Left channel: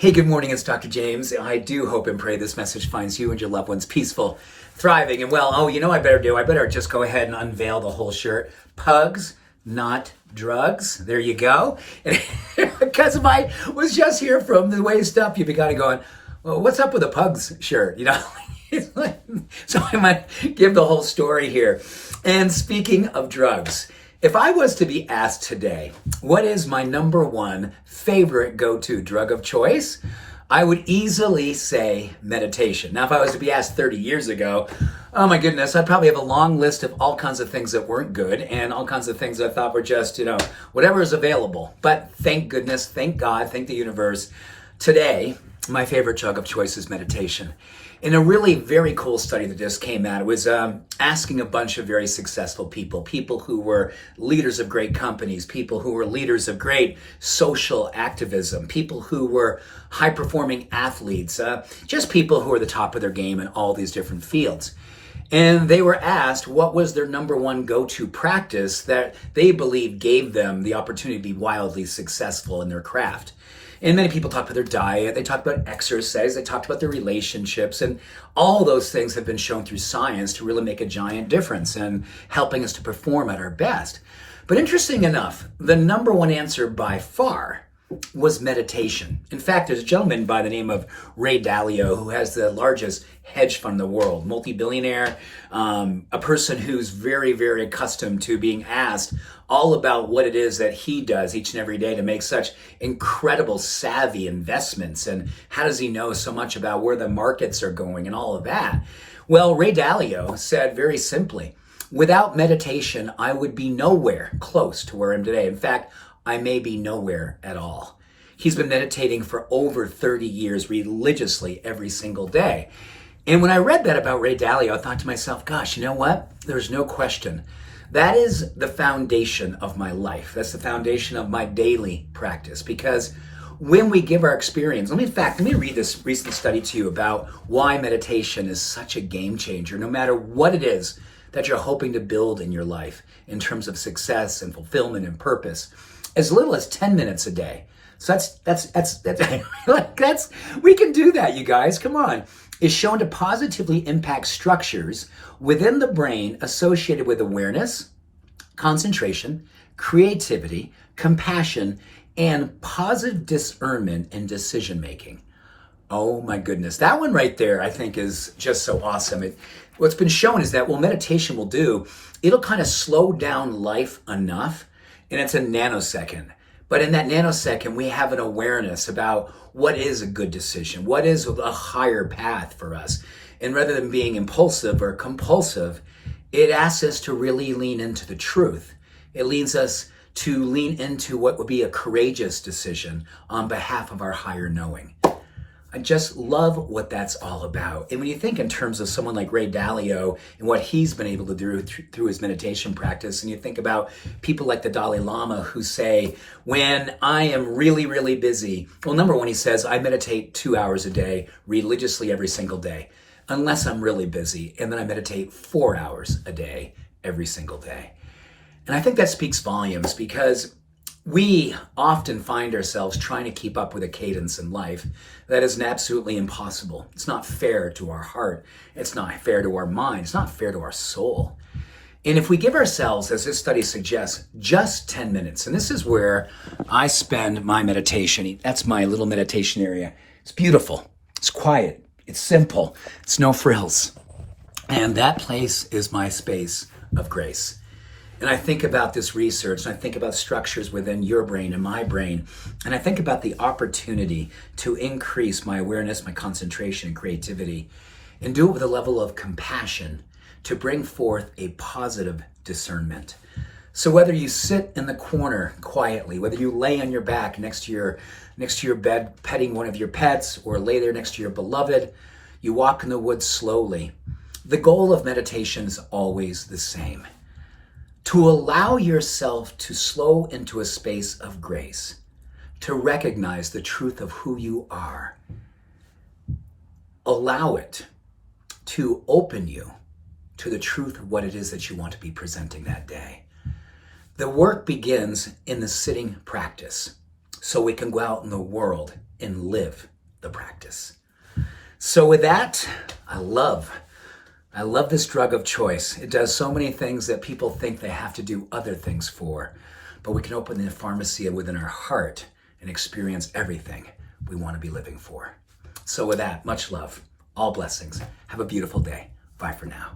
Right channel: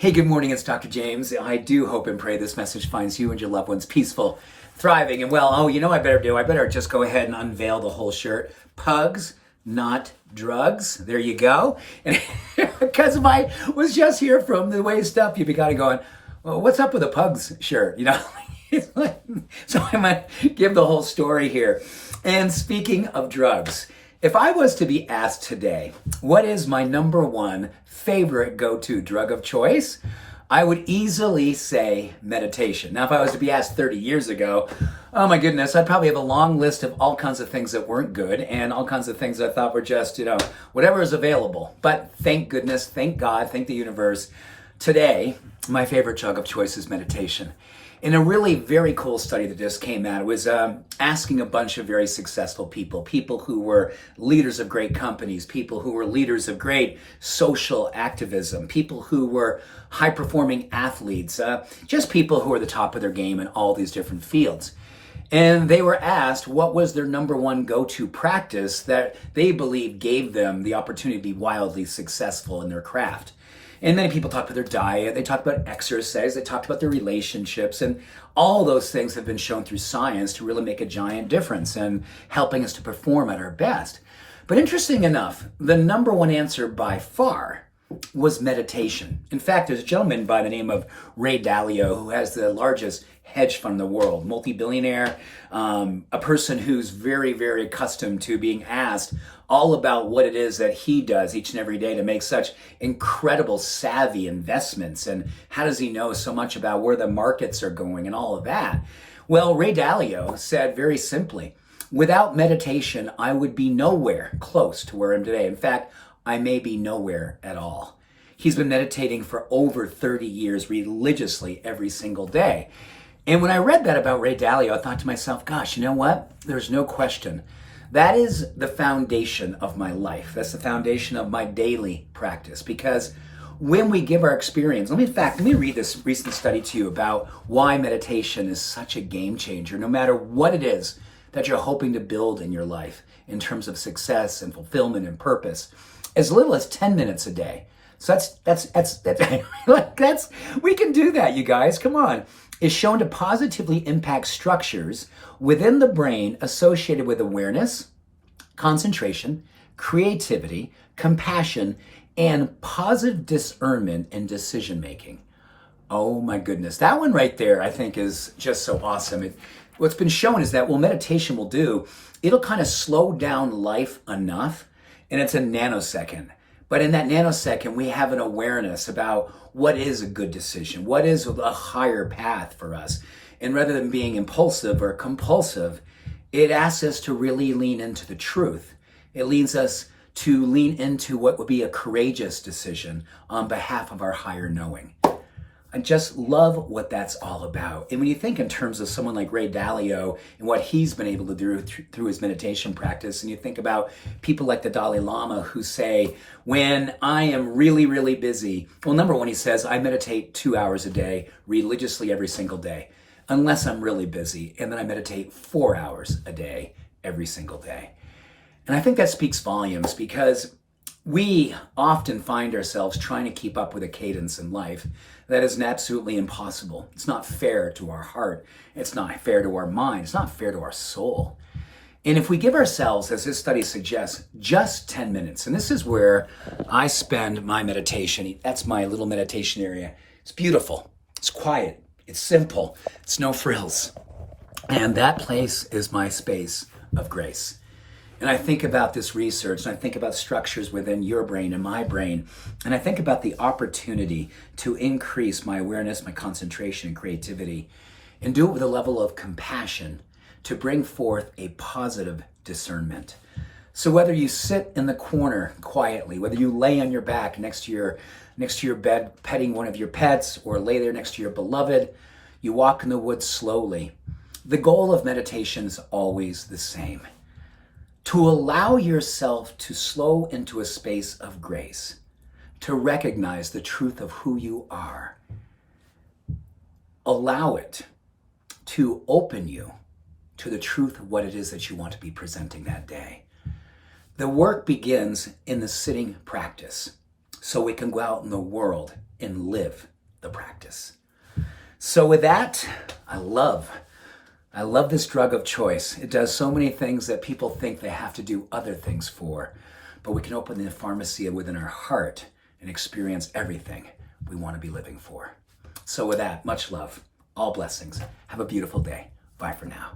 Hey, good morning. It's Dr. James. I do hope and pray this message finds you and your loved ones peaceful, thriving, and well. I better just go ahead and unveil the whole shirt. Pugs, not drugs. There you go. And because I was just here from the waist up, you'd be kind of going, well, what's up with the pugs shirt? So I might give the whole story here. And speaking of drugs, if I was to be asked today, what is my number one favorite go-to drug of choice? I would easily say meditation. Now, if I was to be asked 30 years ago, oh my goodness, I'd probably have a long list of all kinds of things that weren't good and all kinds of things that I thought were just, whatever is available. But thank goodness, thank God, thank the universe. Today, my favorite drug of choice is meditation. In a really very cool study that just came out, it was asking a bunch of very successful people who were leaders of great companies, people who were leaders of great social activism, people who were high-performing athletes, just people who are the top of their game in all these different fields. And they were asked what was their number one go-to practice that they believed gave them the opportunity to be wildly successful in their craft. And many people talk about their diet, they talk about exercise, they talked about their relationships, and all those things have been shown through science to really make a giant difference in helping us to perform at our best. But interesting enough, the number one answer by far was meditation. In fact, there's a gentleman by the name of Ray Dalio who has the largest hedge fund in the world, multi-billionaire, a person who's very, very accustomed to being asked all about what it is that he does each and every day to make such incredible savvy investments, and how does he know so much about where the markets are going and all of that. Well, Ray Dalio said very simply, without meditation, I would be nowhere close to where I am today. In fact, I may be nowhere at all. He's been meditating for over 30 years religiously every single day. And when I read that about Ray Dalio, I thought to myself, gosh, you know what? There's no question. That is the foundation of my life. That's the foundation of my daily practice. Because when we give our experience, let me read this recent study to you about why meditation is such a game changer, no matter what it is that you're hoping to build in your life in terms of success and fulfillment and purpose. As little as 10 minutes a day. So that's we can do that, you guys. Come on. Is shown to positively impact structures within the brain associated with awareness, concentration, creativity, compassion, and positive discernment and decision making. Oh my goodness. That one right there, I think, is just so awesome. What's been shown is that what meditation will do, it'll kind of slow down life enough, and it's a nanosecond. But in that nanosecond, we have an awareness about what is a good decision, what is a higher path for us. And rather than being impulsive or compulsive, it asks us to really lean into the truth. It leads us to lean into what would be a courageous decision on behalf of our higher knowing. I just love what that's all about. And when you think in terms of someone like Ray Dalio and what he's been able to do through his meditation practice, and you think about people like the Dalai Lama who say, when I am really, really busy, well, number one, he says, I meditate 2 hours a day religiously every single day, unless I'm really busy. And then I meditate 4 hours a day every single day. And I think that speaks volumes, because we often find ourselves trying to keep up with a cadence in life that is absolutely impossible. It's not fair to our heart. It's not fair to our mind. It's not fair to our soul. And if we give ourselves, as this study suggests, just 10 minutes, and this is where I spend my meditation. That's my little meditation area. It's beautiful. It's quiet. It's simple. It's no frills. And that place is my space of grace. And I think about this research, and I think about structures within your brain and my brain, and I think about the opportunity to increase my awareness, my concentration, and creativity, and do it with a level of compassion to bring forth a positive discernment. So whether you sit in the corner quietly, whether you lay on your back next to your bed petting one of your pets, or lay there next to your beloved, you walk in the woods slowly, the goal of meditation is always the same. To allow yourself to slow into a space of grace, to recognize the truth of who you are. Allow it to open you to the truth of what it is that you want to be presenting that day. The work begins in the sitting practice, so we can go out in the world and live the practice. So with that, I love this drug of choice. It does so many things that people think they have to do other things for, but we can open the pharmacy within our heart and experience everything we want to be living for. So with that, much love, all blessings. Have a beautiful day. Bye for now.